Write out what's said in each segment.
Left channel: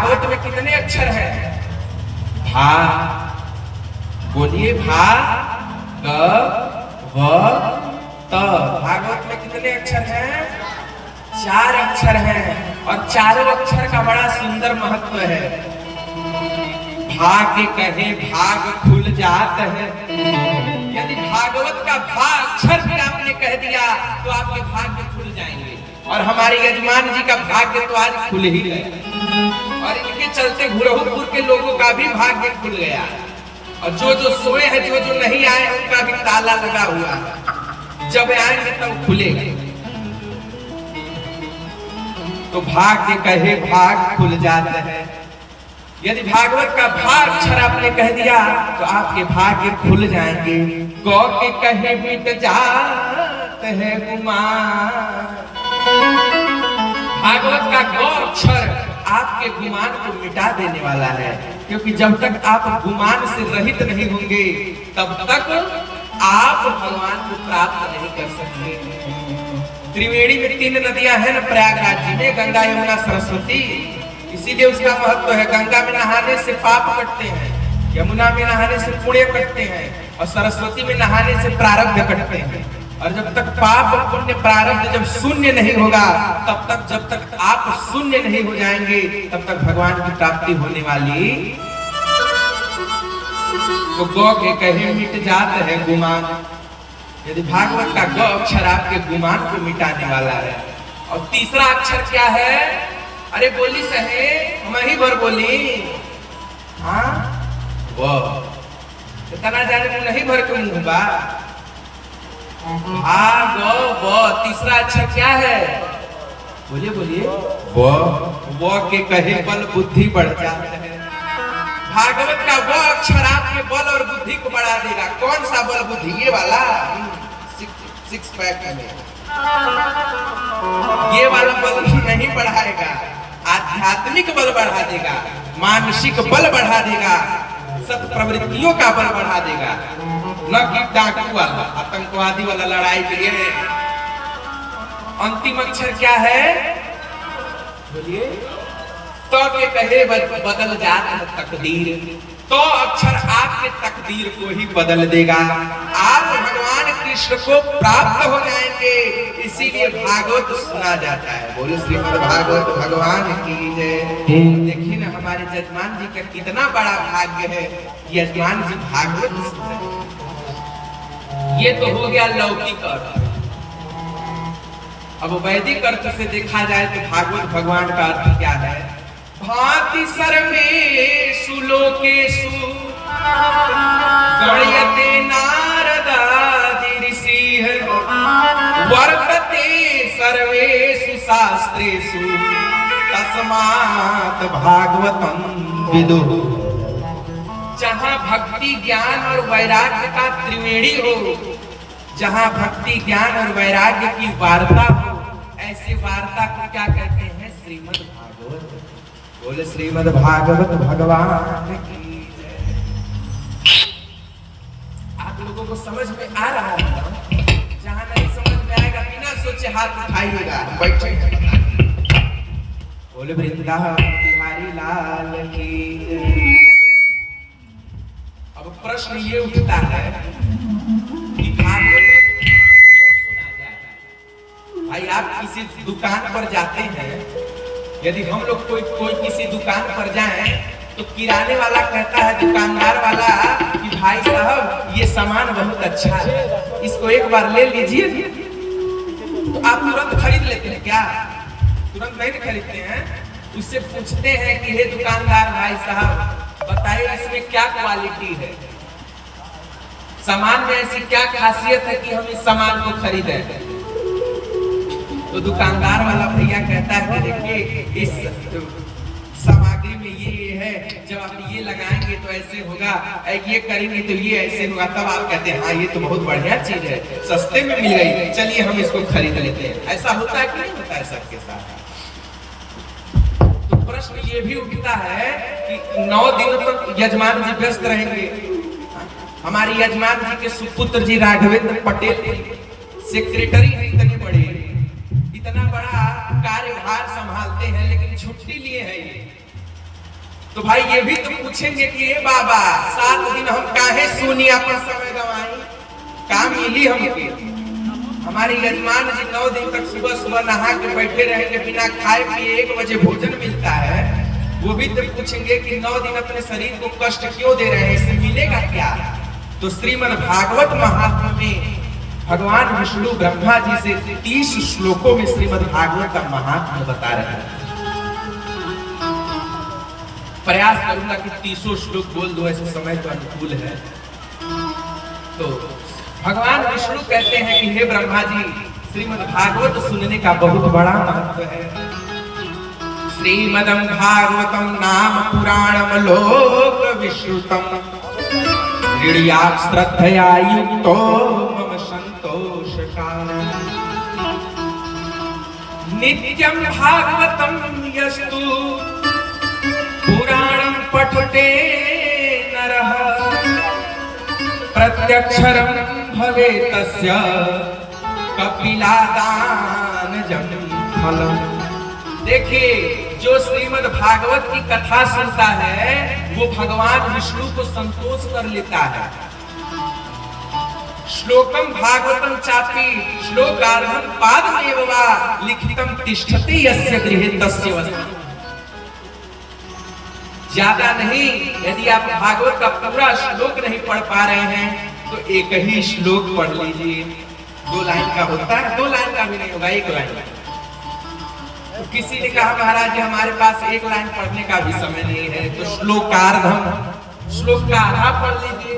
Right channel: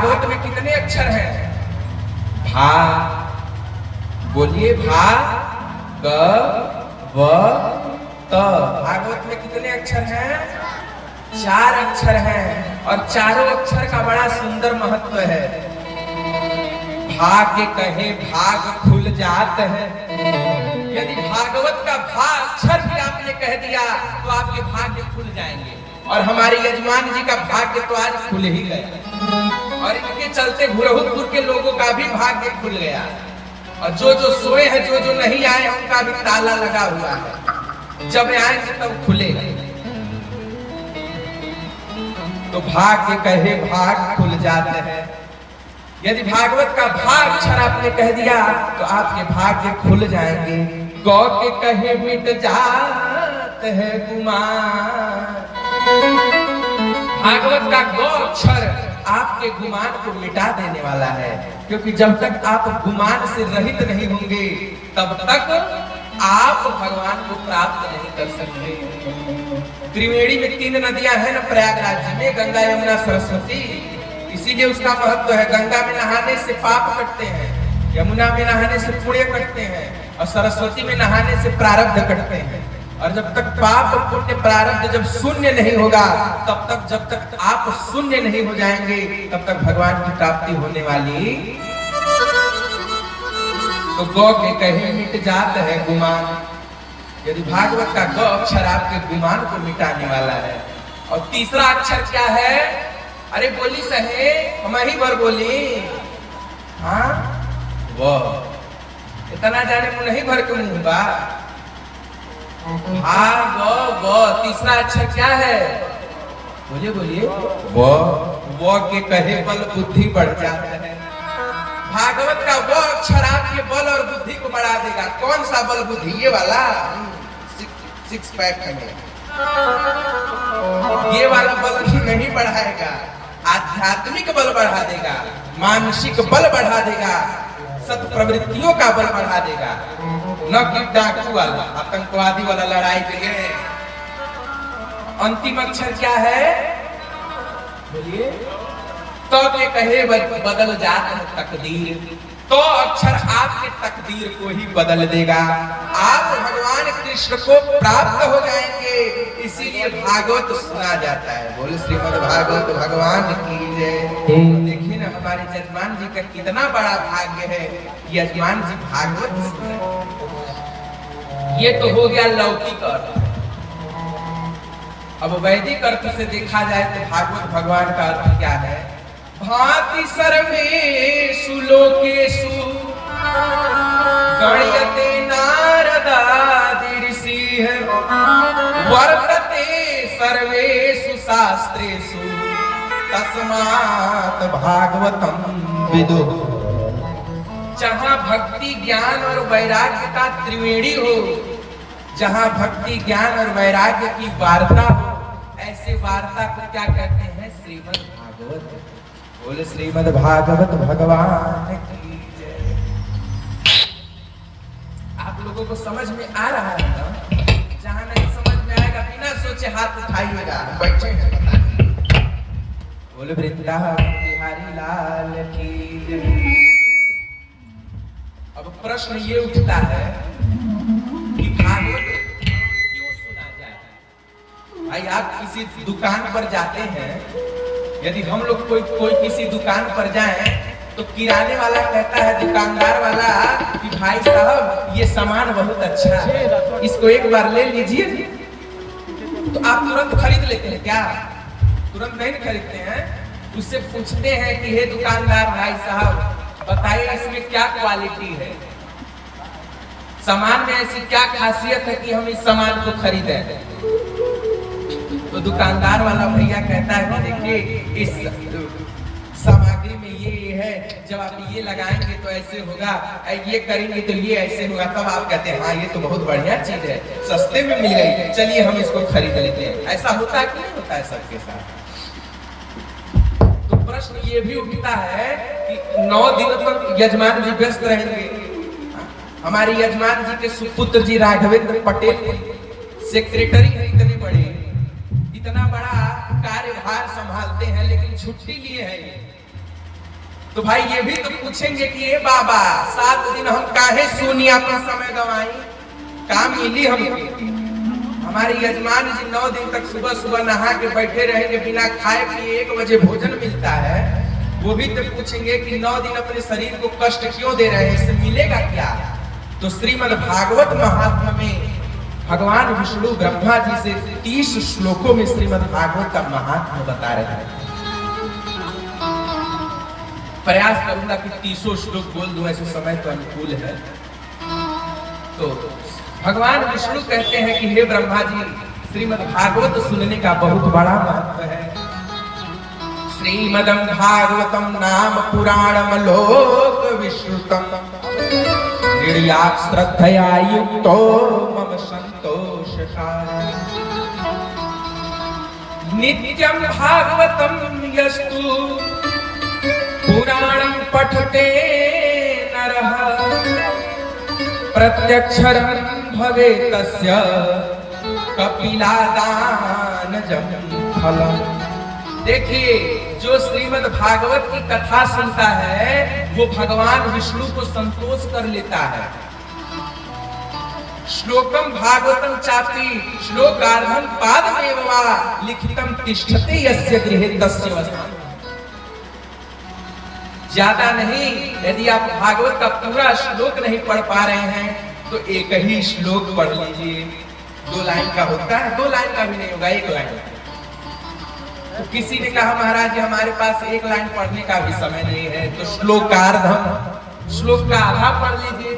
भागवत में कितने अक्षर हैं? भा, बोलिए भा, ग, व, त। भागवत में कितने अक्षर हैं? 4 अक्षर हैं और चारों अक्षर का बड़ा सुंदर महत्व है। भा के कहे भाग खुल जात है। यदि भागवत का भा अक्षर भी आपने कह दिया तो आपके भाग्य खुल जाएंगे। और हमारे यजमान जी का भाग्य तो आज खुल ही गया और इनके चलते घुरहुपुर के लोगों का भी भाग्य खुल गया। और जो जो सोए हैं, जो जो नहीं आए उनका भी ताला लगा हुआ है, जब आएंगे तब खुलेगा। तो भाग के कहे भाग खुल जाते हैं। यदि भागवत का भाग अक्षर आपने कह दिया तो आपके भाग्य खुल जाएंगे। गौ के कहे मिट जाते हैं गुमान। भागवत का गौ अक्षर आपके गुमान को मिटा देने वाला है, क्योंकि जब तक आप गुमान से रहित नहीं होंगे तब तक आप भगवान को प्राप्त नहीं कर सकते। त्रिवेणी में 3 नदियां हैं ना प्रयागराज जी में, गंगा, यमुना, सरस्वती। इसीलिए उसका महत्व है। गंगा में नहाने से पाप कटते हैं, यमुना में नहाने से पुण्य कटते हैं और सरस्वती में नहाने से प्रारब्ध कटते हैं। और जब तक पाप और पुण्य प्रारब्ध जब शून्य नहीं होगा तब तक, जब तक आप शून्य नहीं हो जाएंगे तब तक भगवान की प्राप्ति होने वाली। तो गौ के कहे मिट जाता है गुमान। यदि भागवत का गौ अक्षर आपके गुमान को मिटाने वाला है। और तीसरा अक्षर क्या है? अरे बोली सहे, हम ही भर बोली। हाँ, वो इतना जाने मुंह नहीं भर के मुंह बा। तीसरा अक्षर क्या है? बोलिए बोलिए। वो के कहे बल बुद्धि बढ़ जाता है। भागवत का वो अक्षर आपके बल और बुद्धि को बढ़ा देगा। कौन सा बल बुद्धि? ये वाला 6 पैक में। ये वाला बल नहीं बढ़ाएगा, आध्यात्मिक बल बढ़ा देगा, मानसिक बल बढ़ा देगा, सत प्रवृत्तियों का बल बढ़ा देगा। न कि डाकू वाला, आतंकवादी वाला लड़ाई के लिए। अंतिम अक्षर क्या है? बोलिए। तो के कहे बदल जात है तकदीर। तो अक्षर आपके तकदीर को ही बदल देगा। आप भगवान कृष्ण को प्राप्त हो जाएंगे। इसीलिए भागवत सुना जाता है। बोलो श्रीमद् भागवत भगवान की जय। देखिए ना हमारे जजमान जी का कितना बड़ा भाग्य है, यजमान जी भागवत सुन रहे। ये तो हो गया लौकिक अर्थ। अब वैदिक अर्थ से देखा जाए तो भागवत भगवान का अर्थ क्या है? भांति सर्वेषु लोकेषु गण्यते नारदादि ऋषिः वर्तते सर्वेषु शास्त्रेषु तस्मात् भागवतं विदुः। जहाँ भक्ति, ज्ञान और वैराग्य का त्रिवेणी हो, जहाँ भक्ति, ज्ञान और वैराग्य की वार्ता हो, ऐसे वार्ता को क्या कहते हैं? श्रीमद् भागवत। बोले श्रीमद् भागवत भगवान की जय। आप लोगों को समझ में आ रहा है ना? जहाँ नहीं समझ में आएगा बिना सोचे हाथ उठाइएगा, बैठे। बोले वृंदावन बिहारी लाल की जय। अब प्रश्न ये उठता है कि भागवत क्यों सुना जाए? भाई आप किसी दुकान पर जाते हैं, यदि हम लोग कोई किसी दुकान पर जाएं तो किराने वाला कहता है, दुकानदार वाला, कि भाई साहब ये सामान बहुत अच्छा है, इसको एक बार ले लीजिए। तो आप तुरंत खरीद लेते हैं क्या? तुरंत नहीं खरीदते हैं। उससे पूछते हैं कि हे दुकानदार भाई साहब बताइए इसमें क्या क्वालिटी है, सामान में ऐसी क्या खासियत है कि हम इस सामान को खरीदें? तो दुकानदार वाला भैया कहता है कि देखिए इस सामग्री में ये है, जब आप ये लगाएंगे तो ऐसे होगा, ये करेंगे तो ये ऐसे होगा। तब आप कहते हैं हाँ ये तो बहुत बढ़िया चीज है, सस्ते में मिल गई, चलिए हम इसको खरीद लेते हैं। ऐसा होता है कि नहीं होता है सबके साथ? तो प्रश्न ये भी उठता है कि 9 दिन तक यजमान जी व्यस्त रहेंगे। हमारे यजमान जी के सुपुत्र जी राघवेंद्र पटेल सेक्रेटरी है, इतने बड़े, इतना बड़ा कार्यभार संभालते हैं, लेकिन छुट्टी लिए है ये। तो भाई ये भी तो पूछेंगे कि ये बाबा 7 दिन हम काहे सुनी अपन समय गवाई, काम मिली हमके। हमारे यजमान जी 9 दिन तक सुबह सुबह नहा के बैठे रहेंगे, बिना खाए पिए 1 बजे भोजन मिलता है। वो भी तो पूछेंगे कि 9 दिन अपने शरीर को कष्ट क्यों दे रहे हैं, इससे मिलेगा क्या। तो श्रीमद् भागवत महात्म्य में भगवान विष्णु ब्रह्मा जी से 30 श्लोकों में श्रीमद् भागवत का महात्म्य बता रहे हैं। प्रयास करूंगा कि 30 श्लोक बोल दूं, ऐसे समय तो अनुकूल है। तो भगवान विष्णु कहते हैं कि हे ब्रह्मा जी, श्रीमद् भागवत सुनने का बहुत बड़ा महत्व है। श्रीमदं भागवतम नाम पुराणम लोक विश्रुतम हृदयात् श्रद्धया युक्तो मम संतोषकाय नित्यं भागवतं यस्तु पुराणं पठते नरः प्रत्यक्षरं भवेत् तस्य कपिलादानजं फलम्। देखिए, जो श्रीमद् भागवत की कथा सुनता है वो भगवान विष्णु को संतोष कर लेता है। श्लोकम भागवतम चापि श्लोकार्धं पादमेव वा लिखितं तिष्ठति यस्य गृहे तस्य वसनं। ज्यादा नहीं, यदि आप भागवत का पूरा श्लोक नहीं पढ़ पा रहे हैं तो एक ही श्लोक पढ़ लीजिए। 2 लाइन का होता है, 2 लाइन का भी नहीं होगा, 1 लाइन। तो किसी ने कहा महाराज हमारे पास 1 लाइन पढ़ने का भी समय नहीं है, तो श्लोकार्धम, श्लोक का आधा पढ़ लीजिए।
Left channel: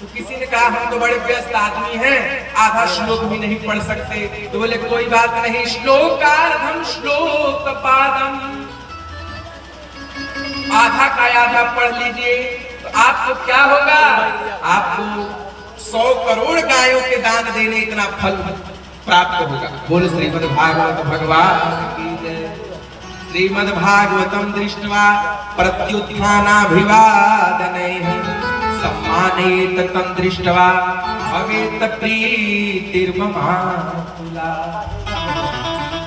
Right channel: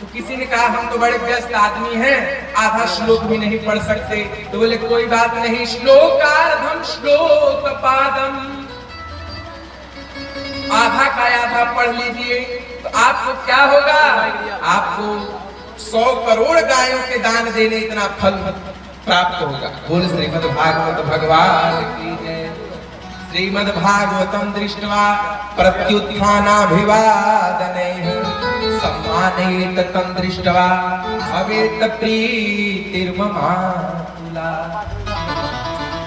तो किसी ने कहा हम तो बड़े व्यस्त आदमी हैं, आधा श्लोक भी नहीं पढ़ सकते। तो बोले कोई बात नहीं, श्लोकार्धम श्लोक पादम, आधा का आधा पढ़ लीजिए। तो आपको क्या होगा, आपको 100 करोड़ गायों के दान देने इतना फल प्राप्त होगा। बोल श्रीमद् भागवत भगवान की जय। श्रीमद् भागवतम दृष्ट्वा प्रत्युत्थानाभिवादनैः सम्मानयेत तं दृष्ट्वा भवेत् प्रीतिर्ममाकुला।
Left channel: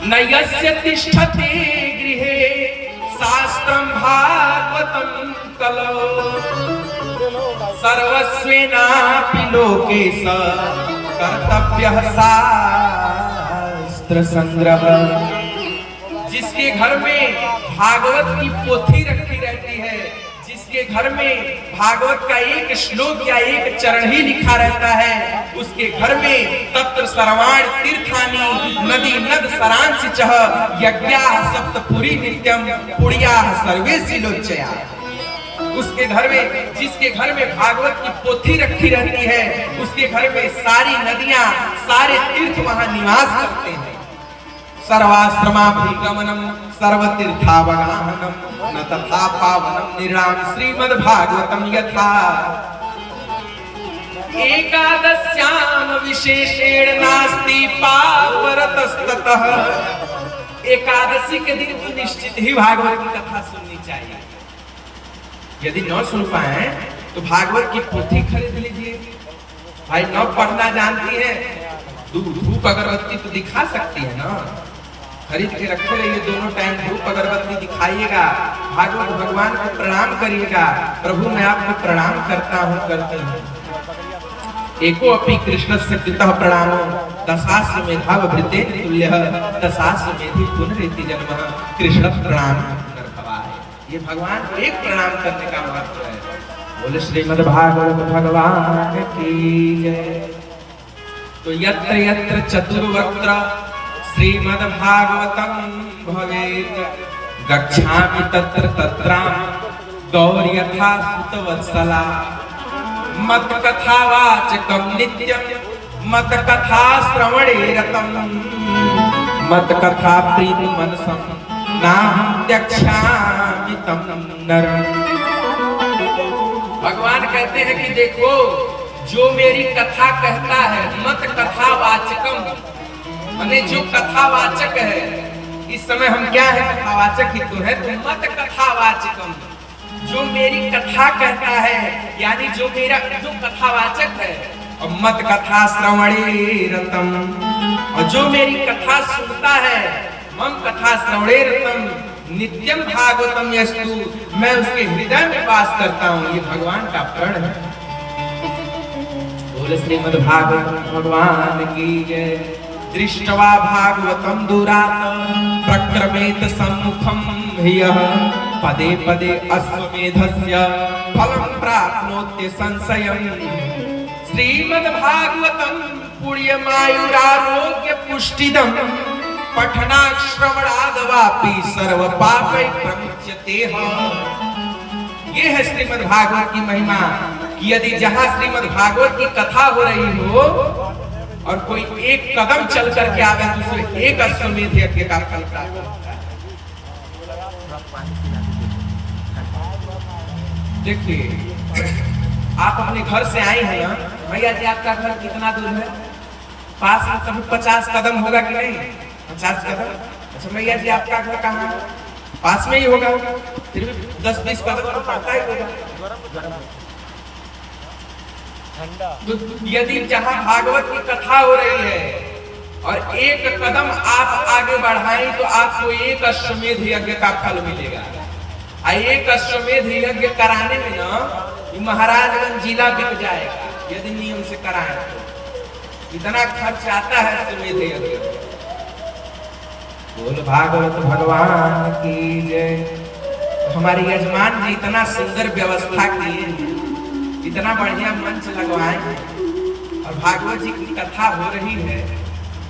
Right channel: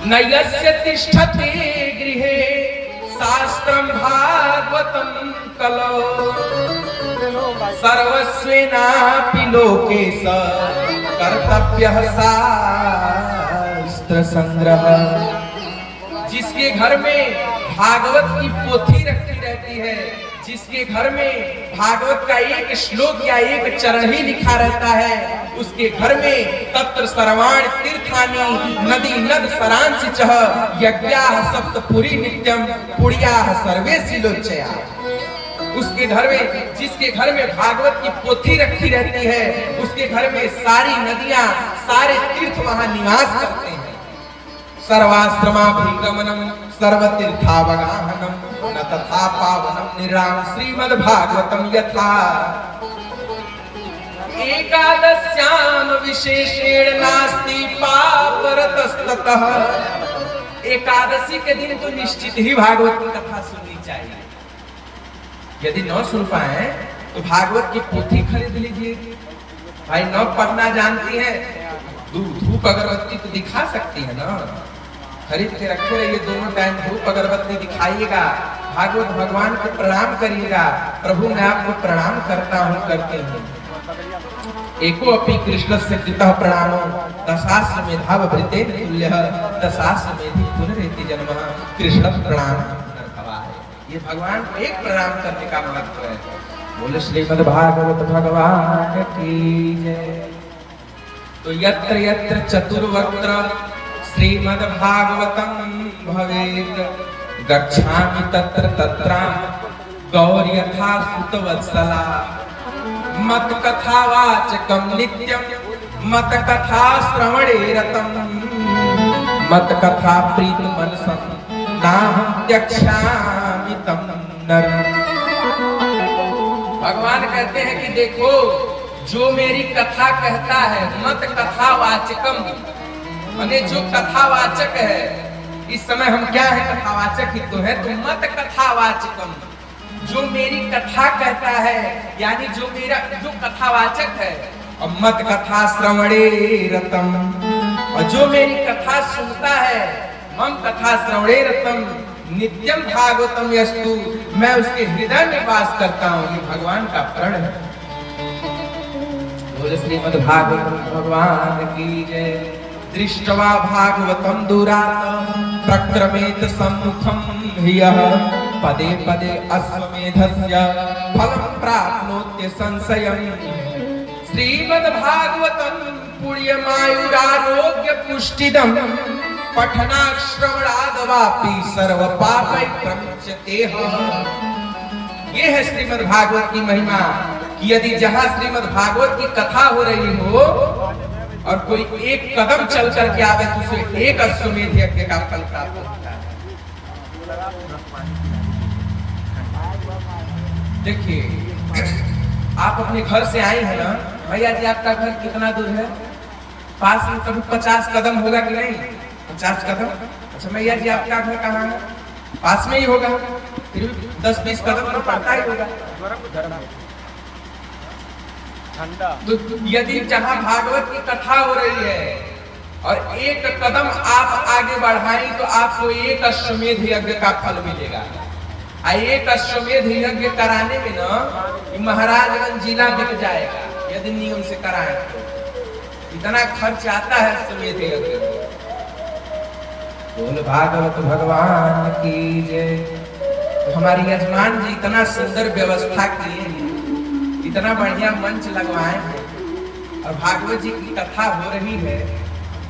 न यस्य तिष्ठते गृहे शास्त्रं भागवतं कलो सर्वस्वेनापि लोके स कर्तव्यः शास्त्र संग्रह। जिसके घर में भागवत की पोथी रखी रहती है, जिसके घर में भागवत का 1 श्लोक या 1 चरण ही लिखा रहता है, उसके घर में तत्र सर्वाणि तीर्थानि नदी नद सरांसि चः यज्ञाः सप्तपुरी नित्यं पुण्याः सर्वे सिलोचया। उसके घर में, जिसके घर में भागवत की पोथी रखी रहती है, उसके घर में सारी नदियां, सारे तीर्थ वहां निवास करते हैं। सर्वाश्रमाभिगमनम सर्वतीर्थावगाहनम न तथा पावनम निराम श्रीमद् भागवतम यथा। एकादश्याम विशेषेण नास्ति पापरतस्ततः। एकादशी के दिन तो निश्चित ही भागवत की कथा सुननी चाहिए। यदि न सुन पाए तो भागवत की पोथी खरीद लीजिए। भाई न पढ़ना जानती है, धूप अगरबत्ती तो दिखा सकती है ना, खरीद के रखे रहिए। दोनों टाइम धूप अगरबत्ती दिखाइएगा, भागवत भगवान को प्रणाम करिएगा। प्रभु मैं आपको प्रणाम करता हूँ, करते हूँ। एको अपि कृष्णस्य कृतः प्रणामो दशास्य मेधाव भृतेन तुल्यः दशास्य मेधि पुनरेति जन्मः कृष्ण प्रणाम पुनर्भवाय। ये भगवान को एक प्रणाम करने का महत्व है। बोले श्रीमद् भागवत भगवान की जय। तो यत्र यत्र चतुर्वत्र श्रीमद् भागवतम भवेत् गच्छामि तत्र तत्रां गौर्यथा सुतवत्सला मत कथावाचकं नित्यं मत कथा श्रवणे रतं मत कथा प्रीत मनसं नाहं त्यक्ष्यामि तं नरम्। भगवान कहते हैं कि देखो, जो मेरी कथा कहता है, मत कथावाचकम, माने जो कथावाचक है। इस समय हम क्या है, कथावाचक ही तो है। तो मत कथावाचकम, जो मेरी कथा कहता है, यानी जो कथावाचक है। और मत कथा श्रवणे रतम, और जो मेरी कथा सुनता है, मम कथा श्रवणे रतम नित्यम भागवतम यस्तु, मैं उसके हृदय में वास करता हूँ। ये भगवान का प्रण है। बोले श्रीमद् भागवत भगवान की जय। दृष्ट्वा भागवतम दुरात प्रक्रमेत सम्मुखम ह्यः पदे पदे अश्वमेधस्य फलं प्राप्नोत्य संशयम्। श्रीमद् भागवतम पुण्यमायुरारोग्य पुष्टिदम् पठनात् श्रवणादवापि सर्व पापै प्रमुच्यते। ये है श्रीमद् भागवत की महिमा कि यदि जहां श्रीमद् भागवत की कथा हो रही हो और कोई एक कदम चल करके आवे तो उसे एक अश्वमेध यज्ञ का फल प्राप्त होता है। देखिए, आप अपने घर से आए हैं ना भैया जी, आपका घर कितना दूर है? पास में कभी 50 कदम होगा कि नहीं? 50 कदम। अच्छा भैया जी, आपका घर कहाँ है? पास में ही होगा, फिर भी 10-20 कदम तो पड़ता ही होगा। तो यदि जहां भागवत की कथा हो रही है और एक कदम आप आगे बढ़ाएं तो आपको एक अश्वमेध यज्ञ का फल मिलेगा। एक अश्वमेध यज्ञ कराने में ना महाराजगंज जिला बिक जाएगा यदि नियम से कराएं तो। इतना खर्च आता है अश्वमेध यज्ञ। बोल भागवत भगवान की जय। तो हमारे यजमान जी इतना सुंदर व्यवस्था किए, इतना बढ़िया मंच लगवाए हैं और भागवत जी की कथा हो रही है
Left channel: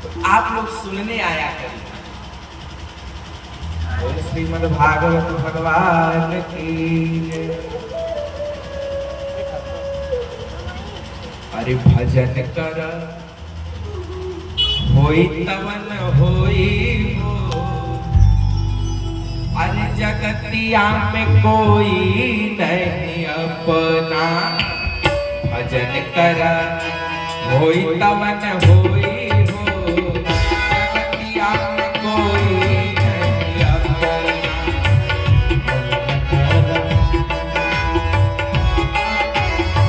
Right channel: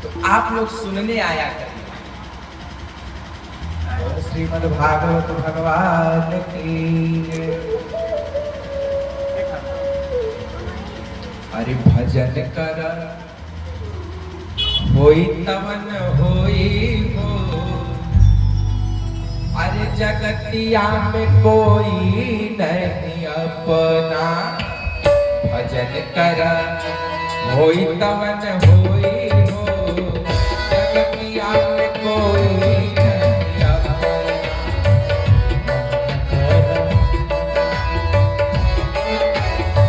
तो आप लोग सुनने आया करिए। श्रीमद् भागवत भगवान की। अरे भजन कर होई तवन होई हो, अरे जगतिया में कोई नहीं अपना। भजन करा होई तवन होई